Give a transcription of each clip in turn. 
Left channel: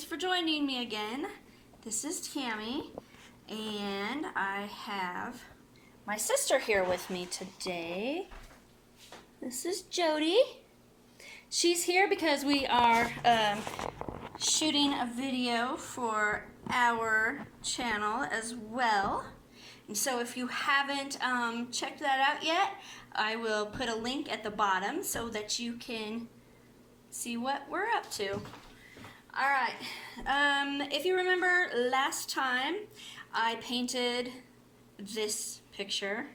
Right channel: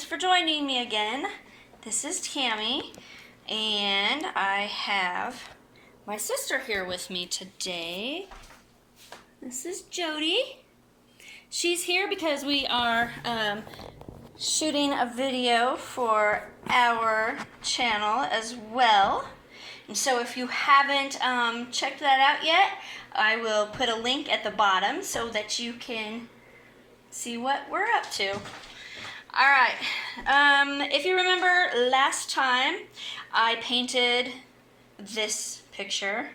thanks for joining me again. This is Tammie, and I have my sister here with me today. This is Jody. She's here because we are shooting a video for our channel as well. And so if you haven't checked that out yet, I will put a link at the bottom so that you can see what we're up to. Alright, if you remember last time, I painted this picture.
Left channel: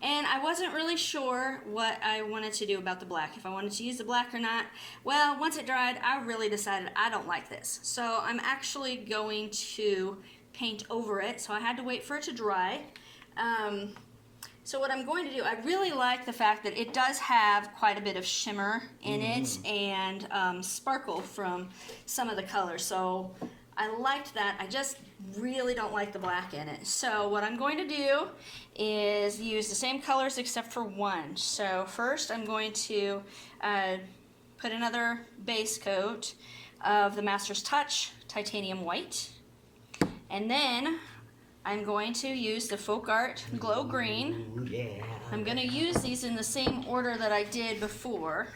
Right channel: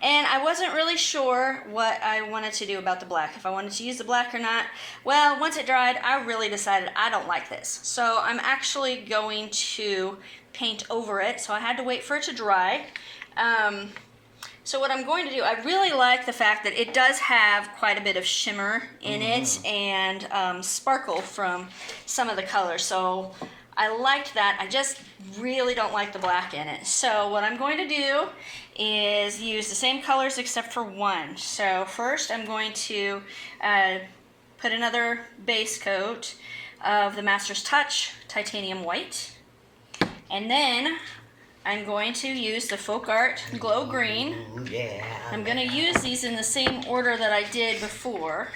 And I wasn't really sure what I wanted to do about the black, if I wanted to use the black or not. Well, once it dried, I really decided I don't like this. So I'm actually going to paint over it, so I had to wait for it to dry. So what I'm going to do, I really like the fact that it does have quite a bit of shimmer in it and sparkle from some of the colors. So I liked that. I just really don't like the black in it. So what I'm going to do is use the same colors except for one. So first I'm going to put another base coat of the Master's Touch Titanium White. And then I'm going to use the FolkArt Glow Green. Ooh, yeah. I'm going to use these in the same order that I did before.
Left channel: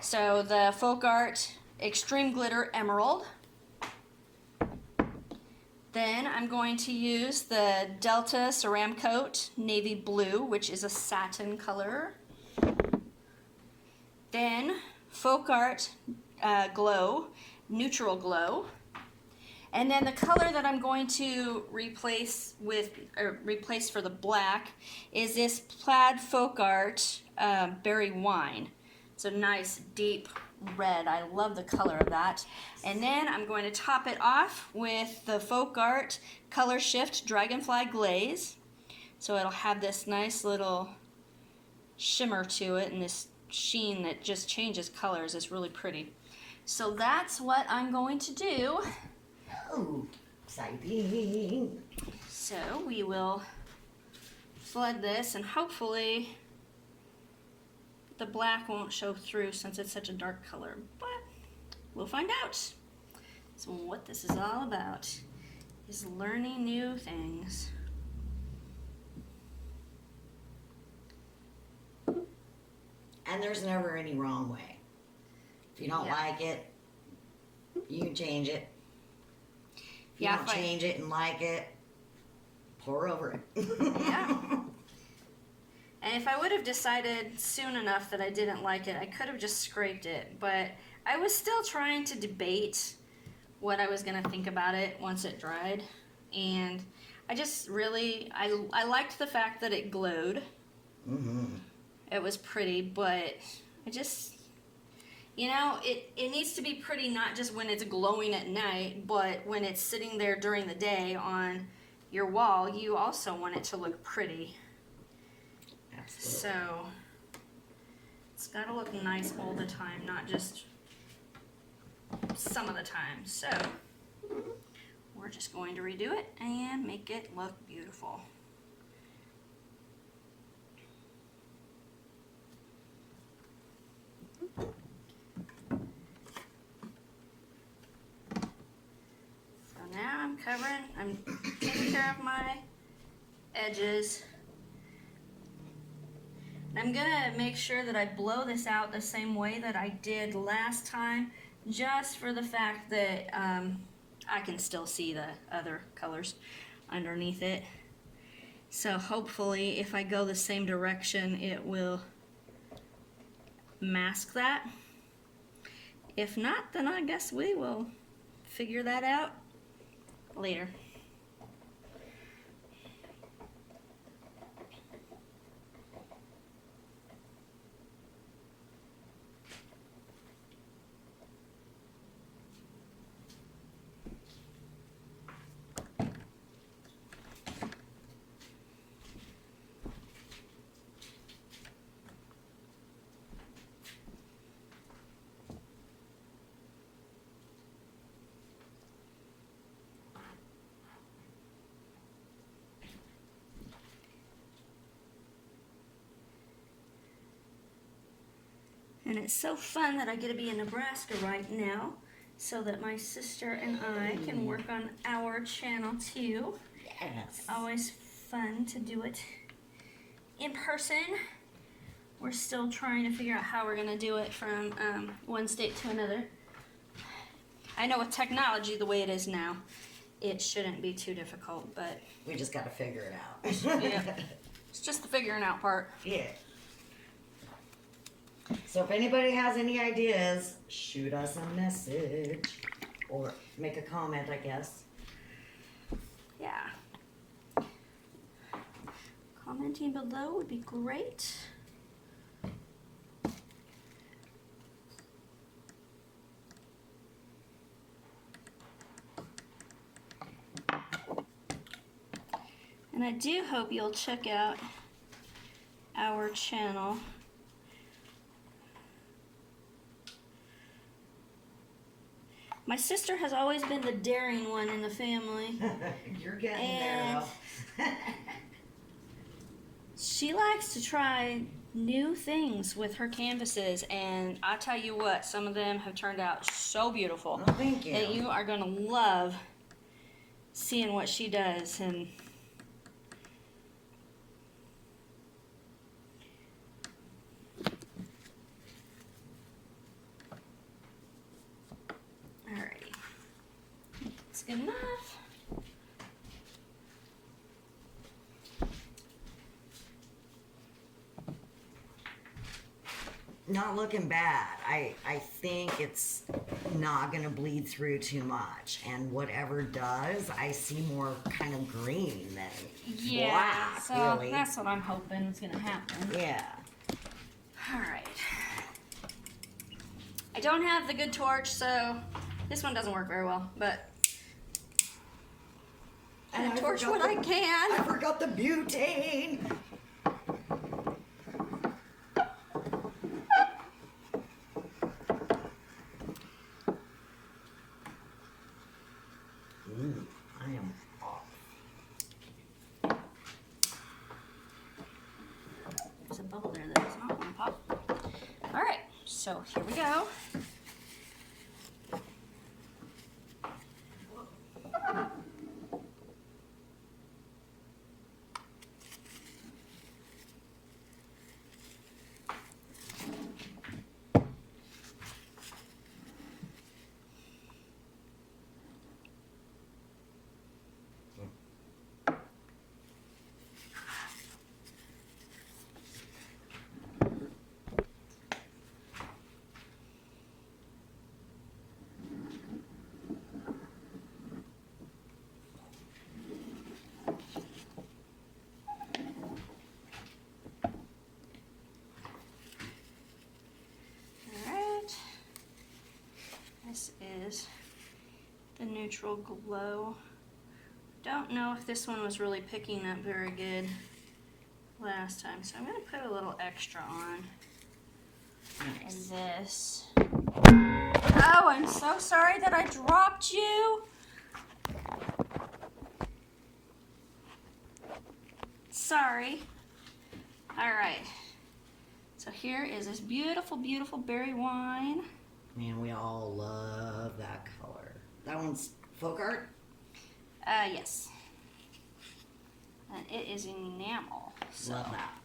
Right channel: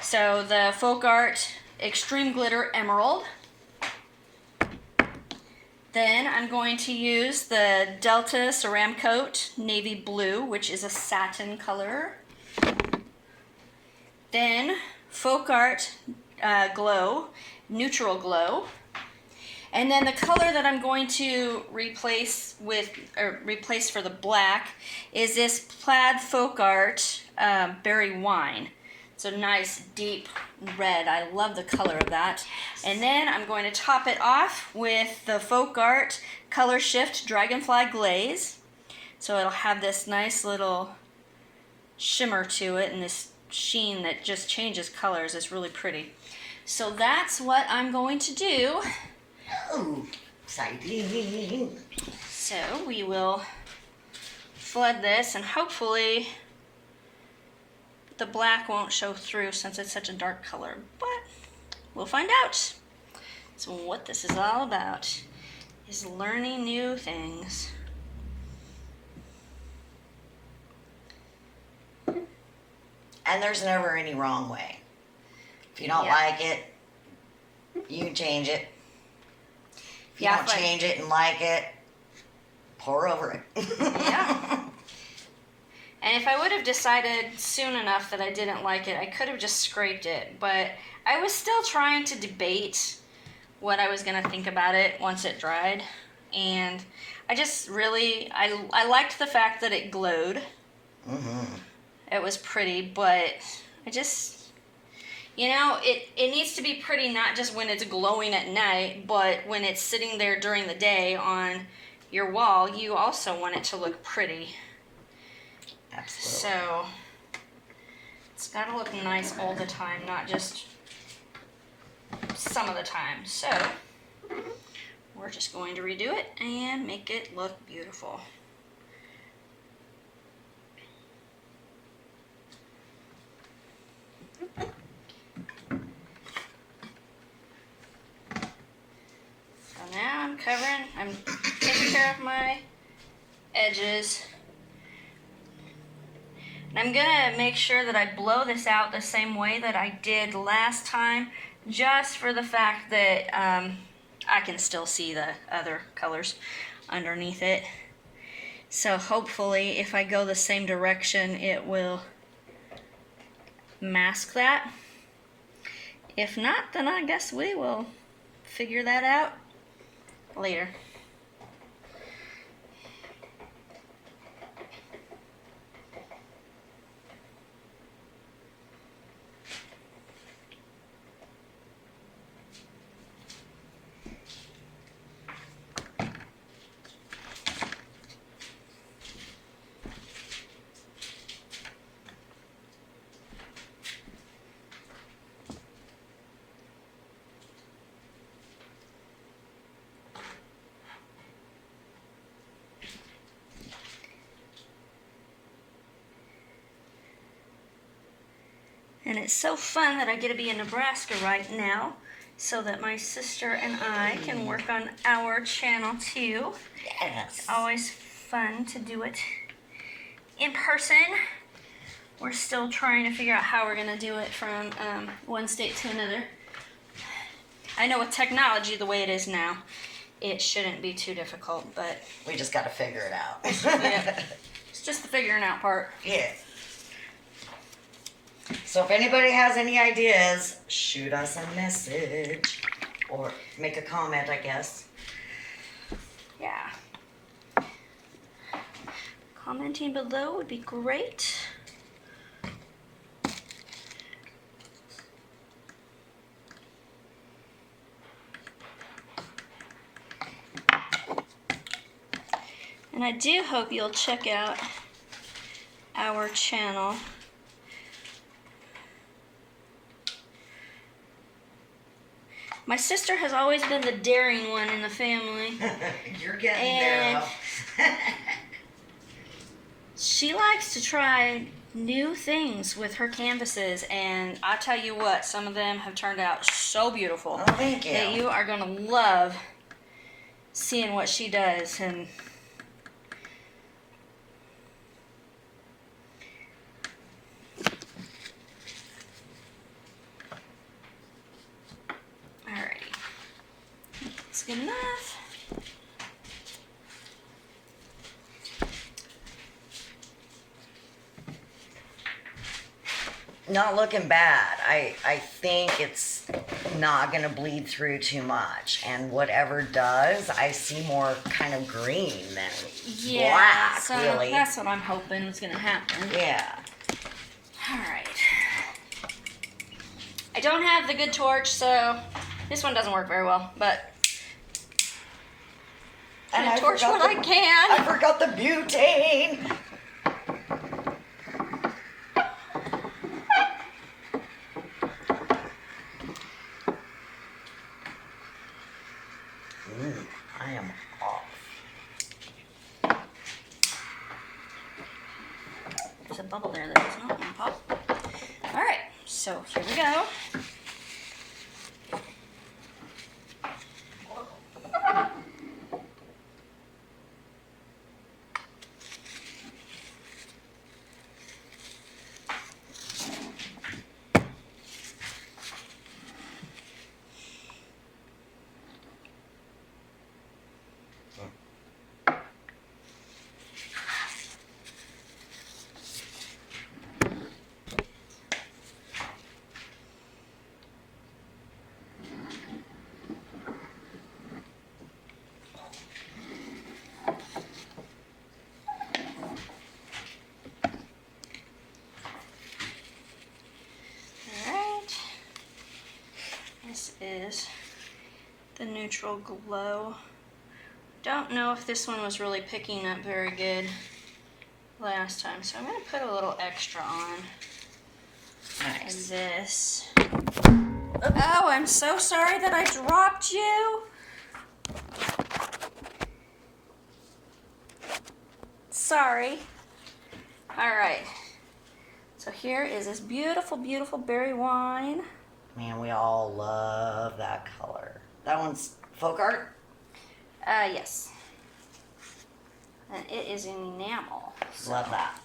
So the FolkArt Extreme Glitter Emerald. Then I'm going to use the Delta Ceramcoat Navy Blue, which is a satin color. Then FolkArt Glow, Neutral Glow. And then the color that I'm going to replace for the black is this plaid FolkArt Berry Wine. It's a nice deep red. I love the color of that. And then I'm going to top it off with the FolkArt Color Shift Dragonfly Glaze. So it'll have this nice little shimmer to it and this sheen that just changes colors. It's really pretty. So that's what I'm going to do. Oh, exciting. So we will flood this, and hopefully the black won't show through since it's such a dark color, but we'll find out. So what this is all about is learning new things. And there's never any wrong way. If you don't like it, you can change it. If you don't change it and like it, pour over it. Yeah. And if I would have decided soon enough that I didn't like it, I could have just scraped it. But I was still trying to debate what I was going to think about it once it dried. And I just really, I liked the fact that it glowed. It was pretty, but I just... You know, it needs to be pretty not just when it's glowing at night, but when it's sitting there during the day on your wall, you also want it to look pretty. Absolutely. So, it's got to look nice all the time, not just some of the time. So, we're just going to redo it and make it look beautiful. I'm taking care of my edges. And I'm gonna make sure that I blow this out the same way that I did last time, just for the fact that I can still see the other colors underneath it. So hopefully if I go the same direction, it will mask that. If not, then I guess we will figure that out later. And it's so fun that I get to be in Nebraska right now, so that my sister and I can work on our channel too. Yes. It's always fun to do it in person. We're still trying to figure out how we're going to do it from one state to another. I know with technology the way it is now, it shouldn't be too difficult, but... we just got to figure it out. Yeah. It's just the figuring out part. Yeah. So if anybody has any ideas, shoot us a message. Or make a comment, I guess. Yeah. Commenting below would be great. And I do hope you'll check out our channel. My sister has always been the daring one in the family. You're getting there, though. She likes to try new things with her canvases, and I tell you what, some of them have turned out so beautiful. Oh, thank you. That you are going to love seeing what she does. And alrighty, that's good enough. Not looking bad. I think it's not going to bleed through too much. And whatever does, I see more kind of green than black, so really. That's what I'm hoping is going to happen. Yeah. Alright. I don't have the good torch, so this one doesn't work very well, but And I torch what I can. I forgot the butane. I am off. There's a bubble there that does not want to pop. Alright, so here we go. This is the neutral glow. Don't know if this one was really picking up very good last time, so I'm going to put a little extra on. Nice. This. Oh, I'm so sorry that I dropped you. Sorry. Alright. So here is this beautiful, beautiful berry wine. Man, we all love that color. That one's FolkArt? Yes. And it is in enamel. So. Love that.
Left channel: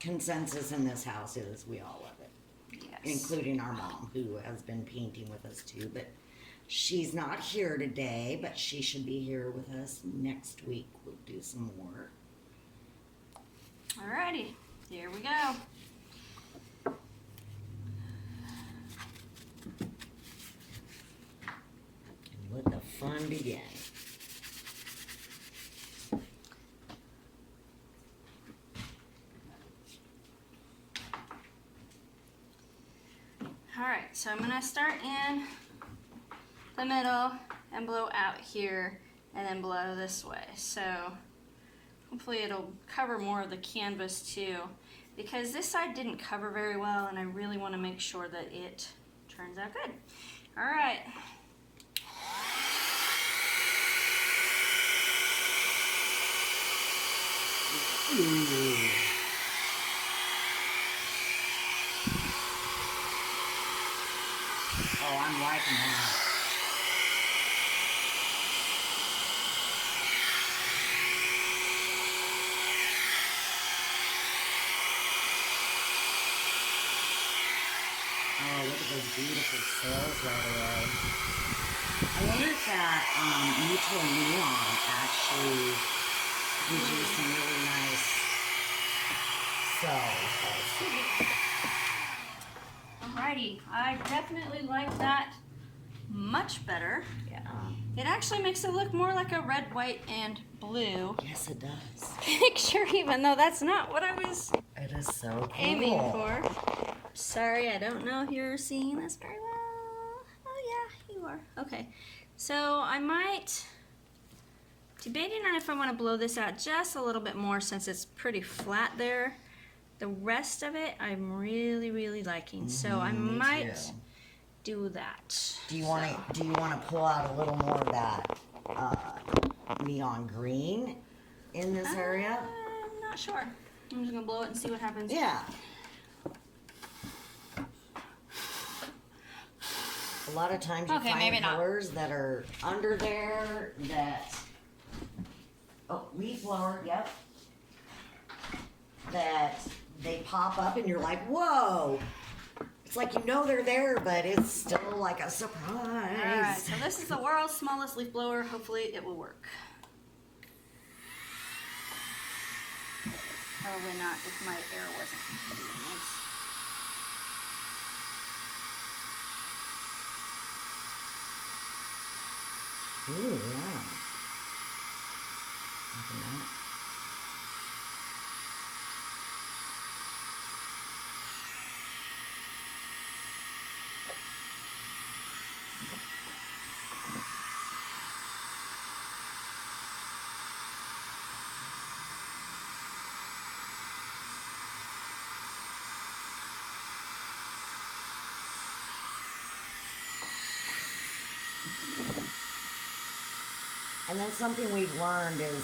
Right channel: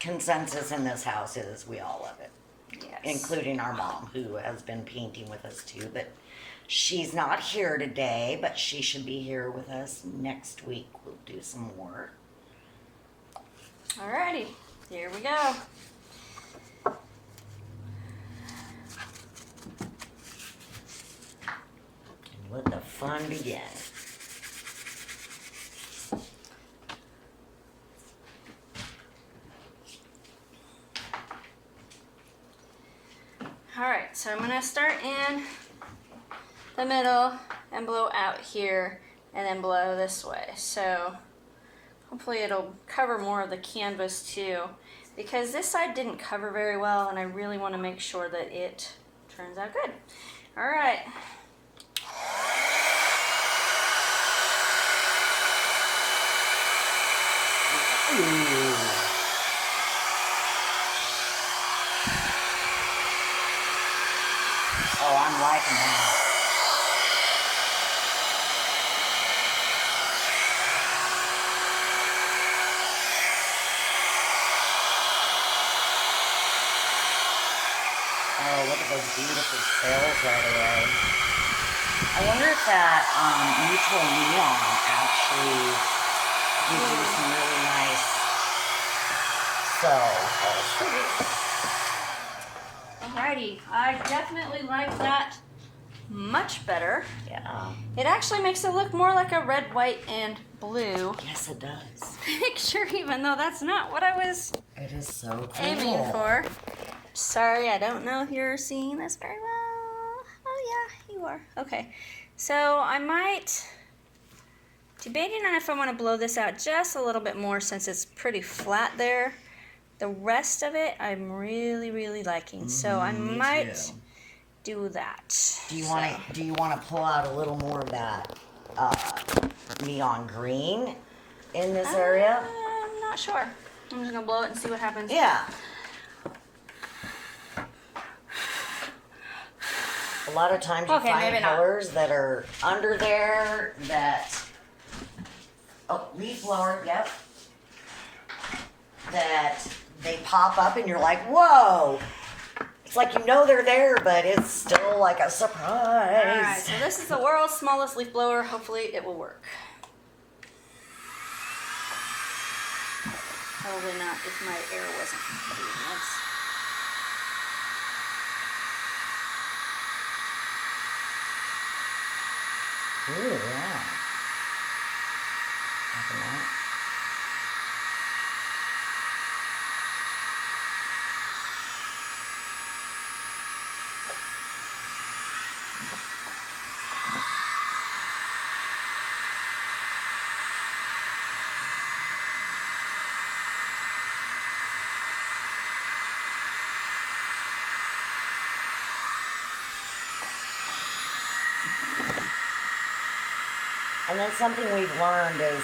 Consensus in this house is we all love it. Yes. Including our mom, who has been painting with us too. But she's not here today, but she should be here with us next week. We'll do some more. Alrighty. Here we go. Let the fun begin. Alright, so I'm going to start in the middle and blow out here and then blow this way. So hopefully it'll cover more of the canvas too, because this side didn't cover very well and I really want to make sure that it turns out good. Alright. Oh, I'm liking that. Oh, look at those beautiful sails right away. I wonder if that neutral neon actually gives you some really nice sails. Alrighty, I definitely like that much better. Yeah. It actually makes it look more like a red, white, and blue Yes, it does. picture, even though that's not what I was It is so cool. aiming for. Sorry, I don't know if you're seeing this very well. Oh yeah, you are. Okay, so I might, debating on if I want to blow this out just a little bit more since it's pretty flat there. The rest of it I'm really, really liking, so I might do that. Do you want to pull out a little more of that neon green in this area? I'm not sure. I'm just gonna blow it and see what happens. Yeah. A lot of times you find colors that are under there that, leaf blower, yep, that they pop up and you're like, whoa. It's like you know they're there, but it's still like a surprise. Alright, so this is the world's smallest leaf blower. Hopefully it will work. Probably not if my air wasn't doing this. Ooh, yeah. Liking that. And then something we've learned is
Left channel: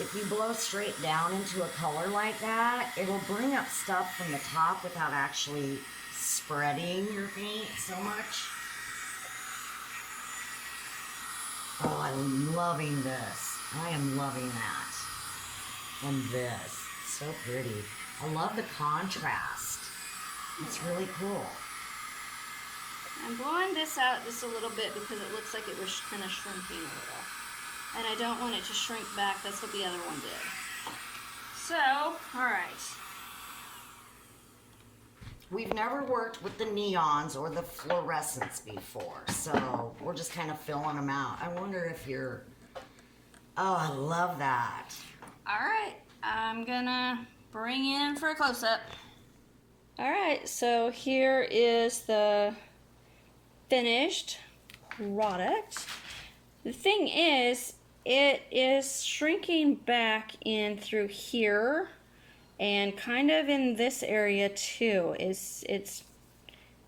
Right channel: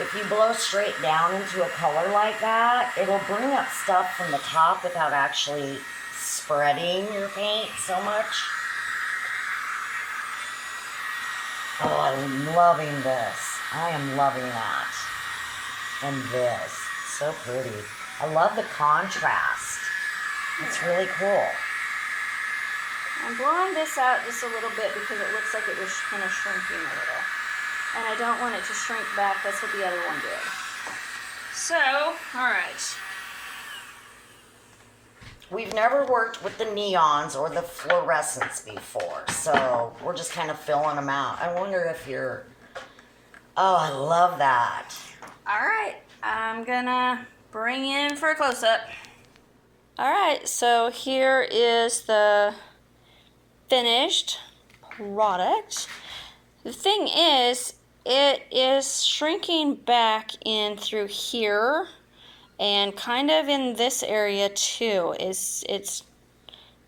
if you blow straight down into a color like that, it'll bring up stuff from the top without actually spreading your paint so much. Oh, I'm loving this. I am loving that. And this. So pretty. I love the contrast. It's really cool. I'm blowing this out just a little bit because it looks like it was kind of shrinking a little. And I don't want it to shrink back. That's what the other one did. So, alright. We've never worked with the neons or the fluorescents before, so we're just kind of filling them out. I wonder if you're... Oh, I love that. Alright, I'm gonna bring you in for a close-up. Alright, so here is the finished product. The thing is, it is shrinking back in through here and kind of in this area too. It's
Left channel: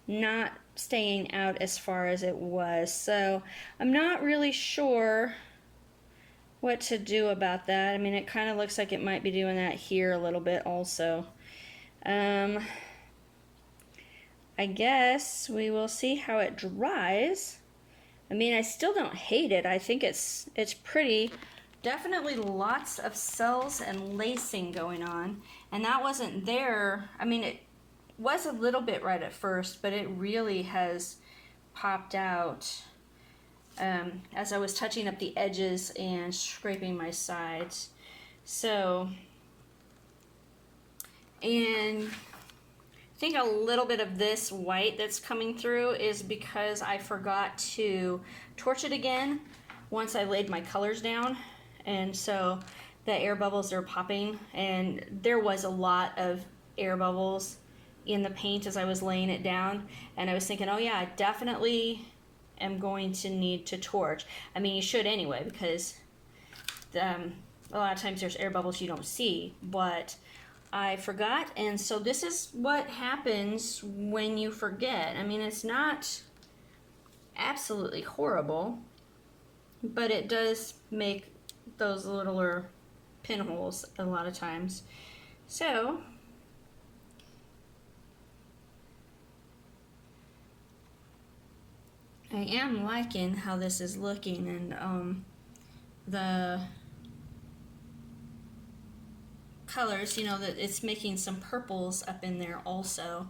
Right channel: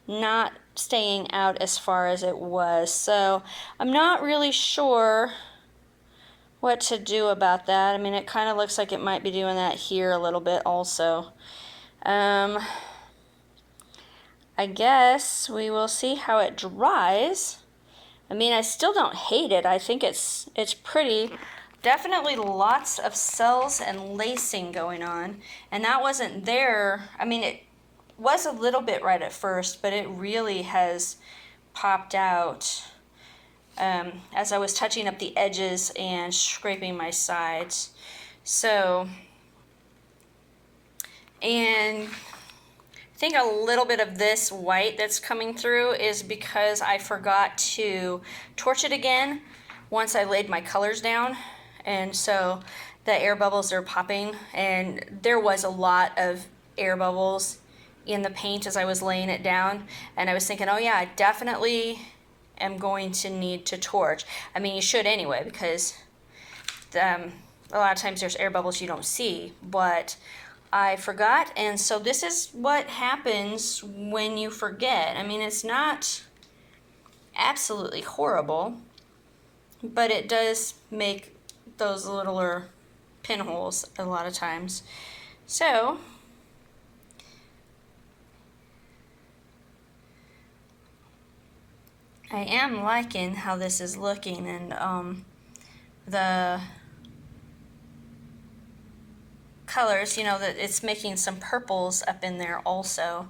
not staying out as far as it was. So I'm not really sure what to do about that. I mean, it kind of looks like it might be doing that here a little bit also. I guess we will see how it dries. I mean, I still don't hate it. I think it's pretty. Definitely lots of cells and lacing going on. And that wasn't there. I mean, it was a little bit right at first, but it really has popped out as I was touching up the edges and scraping my sides. So, and I think a little bit of this white that's coming through is because I forgot to torch it again once I laid my colors down, and so the air bubbles are popping, and there was a lot of air bubbles in the paint as I was laying it down, and I was thinking, oh yeah, I definitely am going to need to torch. I mean, you should anyway, because a lot of times there's air bubbles you don't see, but I forgot, and so this is what happens when you forget. I mean, it's not absolutely horrible, but it does make those littler pinholes a lot of times. So, I am liking how this is looking, and the colors, you know, that it's making some purples up in there also.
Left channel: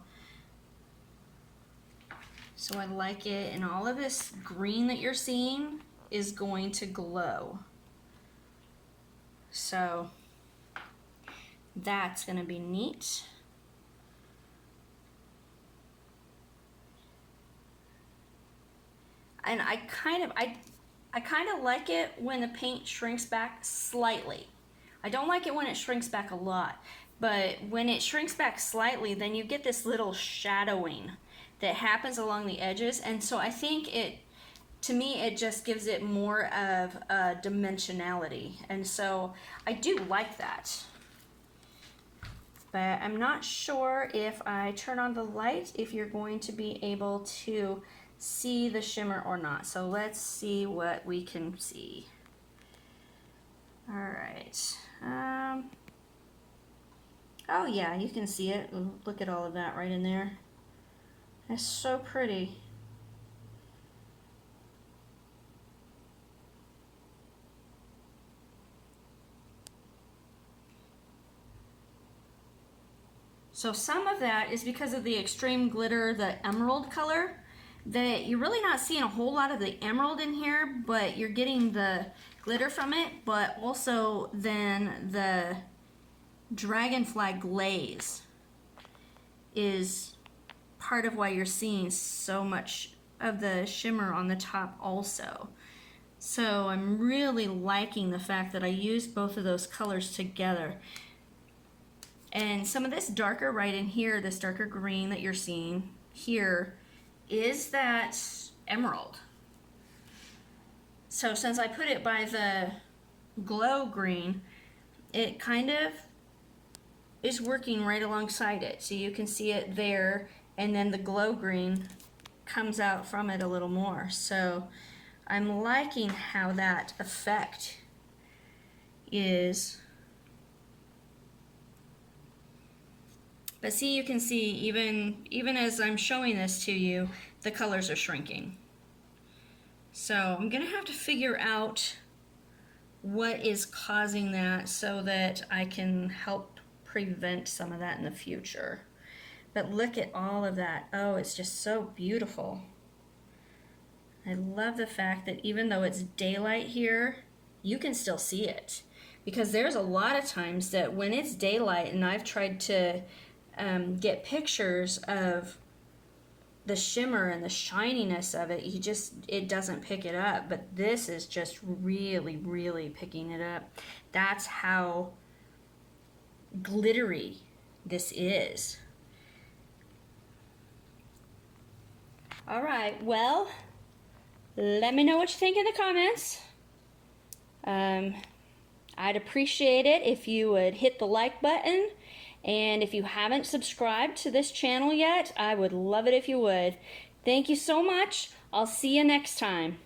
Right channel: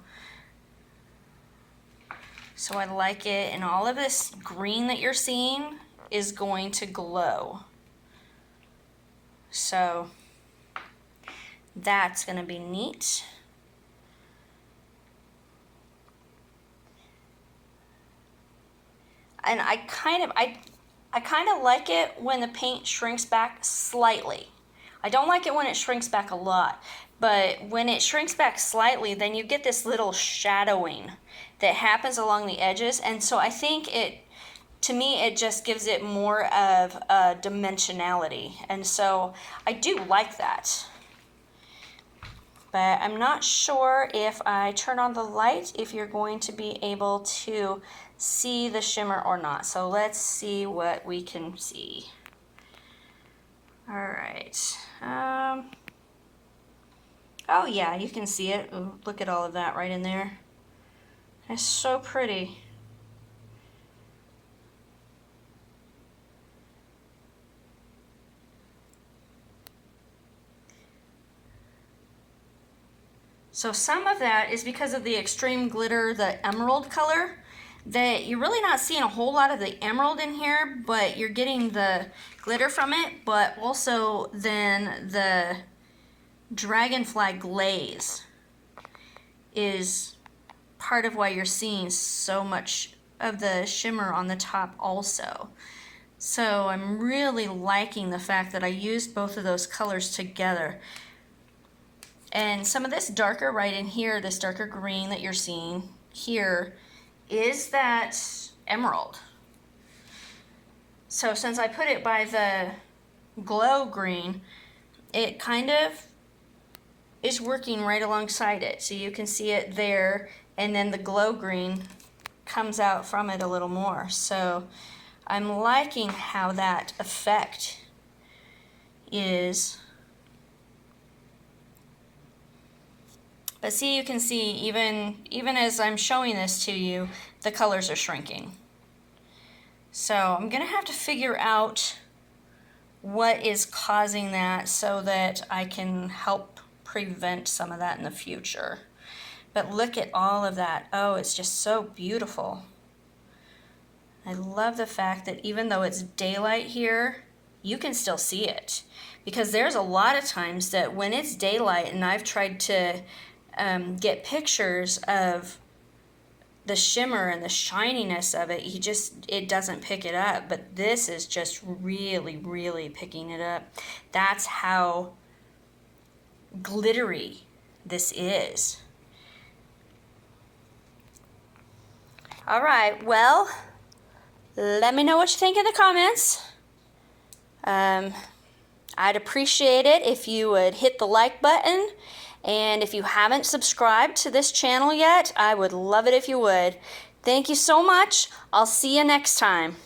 So I like it, and all of this green that you're seeing is going to glow. So that's going to be neat. And I kind of like it when the paint shrinks back slightly. I don't like it when it shrinks back a lot, but when it shrinks back slightly, then you get this little shadowing that happens along the edges, and so I think it, to me, it just gives it more of a dimensionality, and so I do like that. But I'm not sure if I turn on the light if you're going to be able to see the shimmer or not. So let's see what we can see. All right. Oh yeah, you can see it. Ooh, look at all of that right in there. It's so pretty. So some of that is because of the extreme glitter, the emerald color, that you're really not seeing a whole lot of the emerald in here, but you're getting the glitter from it, but also then the Dragonfly glaze is part of why you're seeing so much of the shimmer on the top also. So I'm really liking the fact that I used both of those colors together. And some of this darker right in here, this darker green that you're seeing here, is that emerald. So since I put it by the glow green, it kind of is working right alongside it. So you can see it there, and then the glow green comes out from it a little more. So I'm liking how that effect is. But see, you can see even as I'm showing this to you, the colors are shrinking. So I'm gonna have to figure out what is causing that so that I can help prevent some of that in the future. But look at all of that. Oh, it's just so beautiful. I love the fact that even though it's daylight here, you can still see it. Because there's a lot of times that when it's daylight and I've tried to get pictures of the shimmer and the shininess of it, it doesn't pick it up. But this is just really, really picking it up. That's how glittery this is. All right, well, let me know what you think in the comments. I'd appreciate it if you would hit the like button. And if you haven't subscribed to this channel yet, I would love it if you would. Thank you so much. I'll see you next time.